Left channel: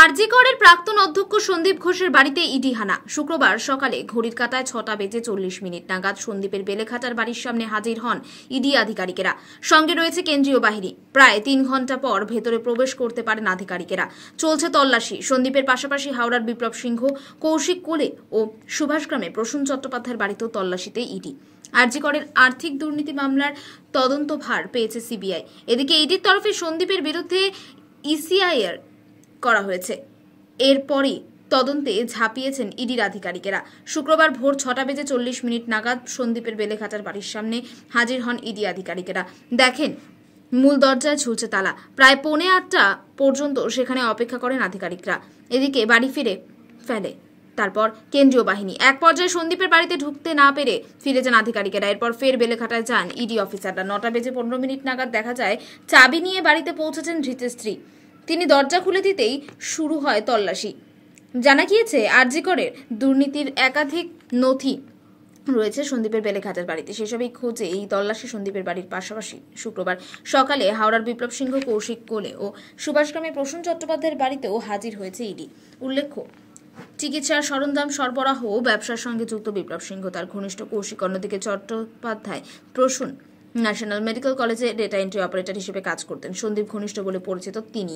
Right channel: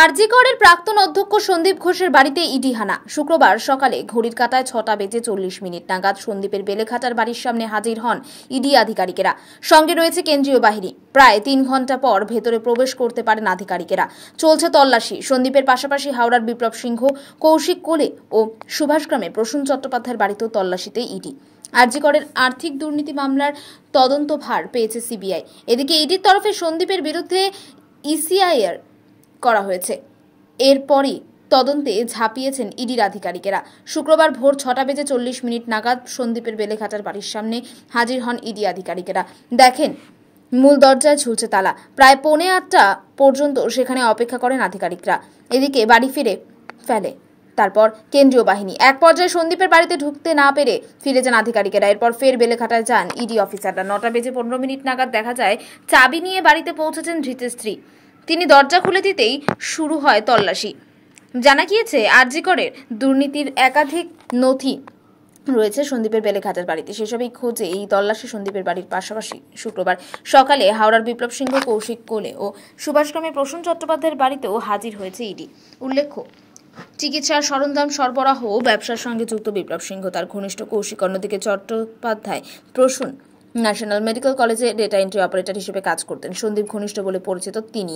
আরজি করের প্রাক্তন অধ্যক্ষ সন্দীপ ঘোষের বাড়িতে ইডি হানা। শুক্রবার সকালে ঘড়ির কাঁটায় 6:40 নাগাদ সন্দীপের বেলেঘাটার বাড়ির সামনে হাজির হন ইডি আধিকারিকেরা। সঙ্গে রয়েছে কেন্দ্রীয় বাহিনী। প্রায় 3 ঘন্টা পর ভেতরে প্রবেশ করতে পারেন আধিকারিকেরা। চলছে তল্লাশি। সন্দীপের পাশাপাশি হাওড়ার বিপ্লব সিংহ, কৌশিক কোলে ও সুভাষগ্রামে প্রসূন চট্টোপাধ্যায়ের বাড়িতেও তল্লাশিতে ইডি। আরজি করের আর্থিক দুর্নীতি মামলার তদন্ত ভার পেয়েছে সিবিআই। এদিকে ইডির তরফে সন্দীপের বিরুদ্ধে ইসিআইআর করা হয়েছে। এরপরই তদন্তে ঝাঁপিয়েছেন ইডির আধিকারিকেরা। শুক্রবার ভোর 6:40 নাগাদ সন্দীপের বেলেঘাটার বাড়ির সামনে হাজির হন ইডি আধিকারিকেরা। দেখেন মূল দরজায় ঝুলছে তালা। প্রায় 7:45 পর্যন্ত সেখানে অপেক্ষা করেন আধিকারিকরা। এদিকে বাড়ি ফেলে তারপর কেন্দ্রীয় বাহিনী। এক পর্যায়ে সন্দীপের বাড়িতে ঢুকতে না পেরে ফিরে যান আধিকারিকেরা। এরপর ফের বেলেঘাটায় যান ইডি অফিসাররা। 9:15 নাগাদ দেখা যায় চাবি নিয়ে বাড়িতে পৌঁছেছেন ধৃতের স্ত্রী। তিনি দরজা খুলে দিতেই শুরু হয় তল্লাশি। জানা গিয়েছে আরজি করের দুর্নীতির একাধিক নথি রয়েছে সন্দীপের বেলেঘাটার বাড়িতে। সেসবই খোঁজে এই তল্লাশি সন্দীপের বাড়ির পাশাপাশি শুক্রবার সকালে হাওড়ার বিপ্লব সিংহ, কৌশিক কোলে ও সুভাষগ্রামে প্রসূন চট্টোপাধ্যায়ের বাড়িতেও হাজির হয়েছে ইডি। উল্লেখ্য, চিকিৎসার সরঞ্জাম সরবরাহ ও ব্যবসার সঙ্গে যুক্ত বিপ্লব সিংহ, তার ঘনিষ্ঠ কৌশিক। অন্যদিকে চট্টোপাধ্যায় প্রসূন ন্যাশনাল মেডিকেল কলেজে ডেটা এন্ট্রি অপারেটর হিসেবে কাজ করতেন। সন্দীপ ঘনিষ্ঠ বলে পরিচিত তিনি।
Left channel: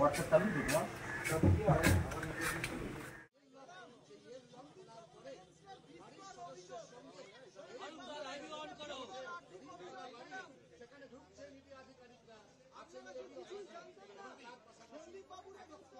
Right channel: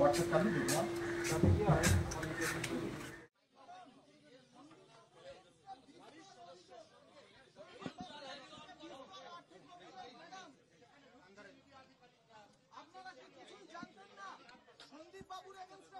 WhatsApp चालू है ना? আপনারা কি কিছু জানতেন না? সন্দীপ বাবুর এগেইনস্টে